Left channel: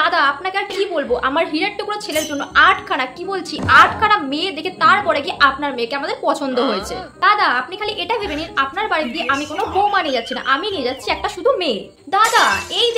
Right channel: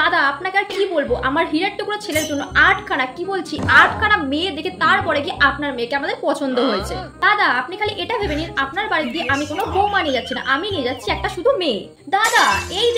দাদা আপনাকে আর কি বলবো, আমার হীরার টুকরো ছেলের জন্য 8খানা, কি বলছি 8খানা মেয়ে দেখে তারপরে কি আপনার মেয়েকে আমাদের পছন্দ হয়েছে। দাদা আপনি খালি এটা ভেবে নিন, আপনার বাড়ি দিয়ে আমি কোনো বৌমা নিয়ে যাচ্ছি না, আমি নিয়ে যাচ্ছি একটা শুধু মেয়ে। দাদা এই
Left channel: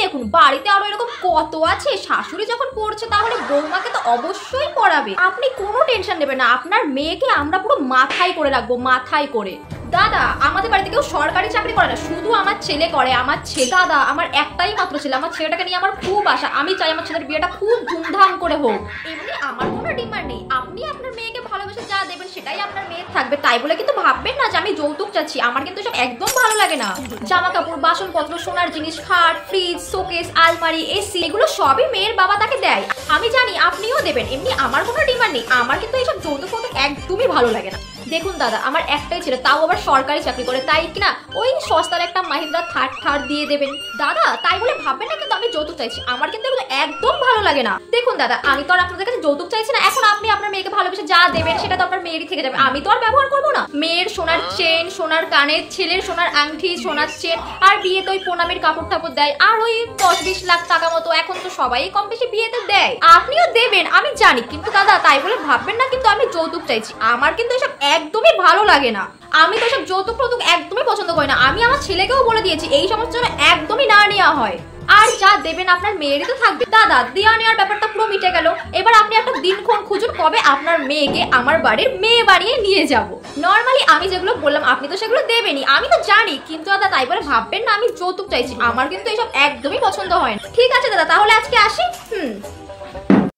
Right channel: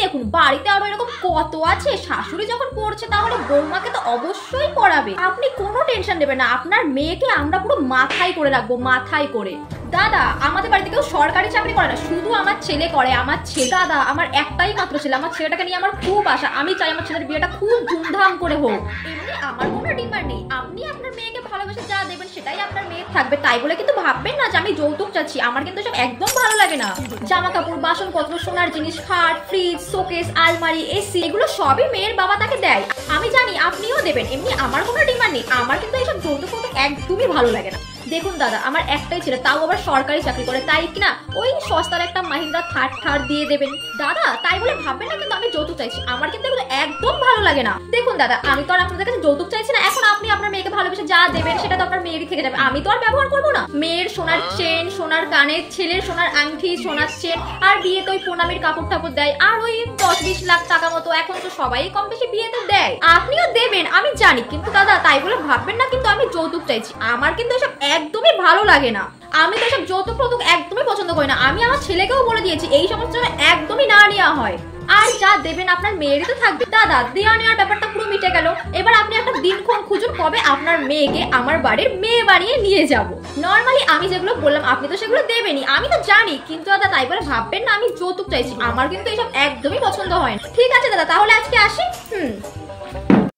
দেখুন বাড়িতে আরো এরকম কত আছে, শাশুড়ি যখন পড়ছে তাহলে বৌমাকে তো অবশ্যই পড়াবে। আপনি কোনো টেনশন নেবেন না, আপনার মেয়েকে আমরা পুরো মাথায় করে রাখবো, মাথায় করে। দাদা আমাদের বাড়িতে কেউ সরকারি চাকরি করে না, শুধু আমার ছেলে করে। আমার ছেলে, দাদা আমার একটাই মাত্র ছেলে, আমার ছেলেটাকে নিয়ে আমার খুব আশা। আমি চাই আমার ছেলের বিয়েটা খুব ধুমধাম করে হোক। এমনি আমার কোনো ডিমান্ড নেই, আপনি আপনার মেয়েকে ভালোবেসে যা দেবেন সেটাই আপনার মেয়ে থাকবে। তাই বলে কিন্তু ভাববেন না যে আমি যৌতুক চাচ্ছি, আমার কিন্তু সব একদম ভালো লাগে না। জামা কাপড়, বাসনপত্র, সোনার জিনিস, খাট, ফ্রিজ, শোকেস, আলমারি, এসি, এগুলো সবই মেয়ের বাবা তাকে দেয়। আমি জানি আপনিও দেবেন, এমনি আমার কোনো ডিমান্ড নেই। আমার কিন্তু এইসব যৌতুক একদমই ভালো লাগে না। দেখুন দাদা আমার একটাই ছেলে, তাও আবার সরকারি চাকরি করে, তাই কিনা ওই সস্তার একটা মাহিন্দ্রা থার্ড দিয়ে দেবেন। দাদা তাই বলে ভাববেন না কিন্তু আমি যৌতুক চাইছি, আমার কিন্তু এগুলো একদম ভালো লাগে না। দেখুন দাদা আমি তো আর আপনাদের কাছে যৌতুক চাইছি না, এখন আপনি আপনার মেয়েকে ভালোবেসে যা দেবেন সেটা তো আপনার মেয়েরই থেকে যাবে, আমি তো আর ব্যবহার করবো না। মেয়ের সোনার চেন, সোনার কানের, ছেলের সোনার আংটি, সোনার চেন, আর বিয়েতে ওই প্রণামীর কাপড় টাপড় দেয়, আর ওই 10-20 লাখ টাকা মতো এখন তো সবাই কম বেশি বিয়েতে দেয়, আপনিও দেবেন আমি জানি। কিন্তু দাদা তাই বলে ভাববেন না কিন্তু আমি যৌতুক চাইছি, আমার কিন্তু এসব একদমই ভালো লাগে না। আমি তো সব যৌতুক প্রতুক একদমই পছন্দ করি না, আমি আমার ছেলেকেও বলে দিয়েছি এই সমস্ত যেন একদমই না নেওয়া হয়। আর যা দেবেন আপনার মেয়েরই তো থাকবে। দাদা দেওয়া নেওয়ার ব্যাপারটা পুরো মিটে গেল, এবার আপনি একটা দিনক্ষণ খুঁজুন কবে আপনার মেয়েকে আমার বাড়ির মেয়ে বানিয়ে নিয়ে যাব। নর্মালি আমি যেগুলো বললাম আপনি তো সেগুলো দেবেনই, আমি তো জানি, কিন্তু দাদা তাই বলে ভাববেন না আমি যৌতুক চাইছি, আমার কিন্তু এইসব একদমই পছন্দ হয় না। ঠিক আছে দাদা তাহলে আজকে আসি।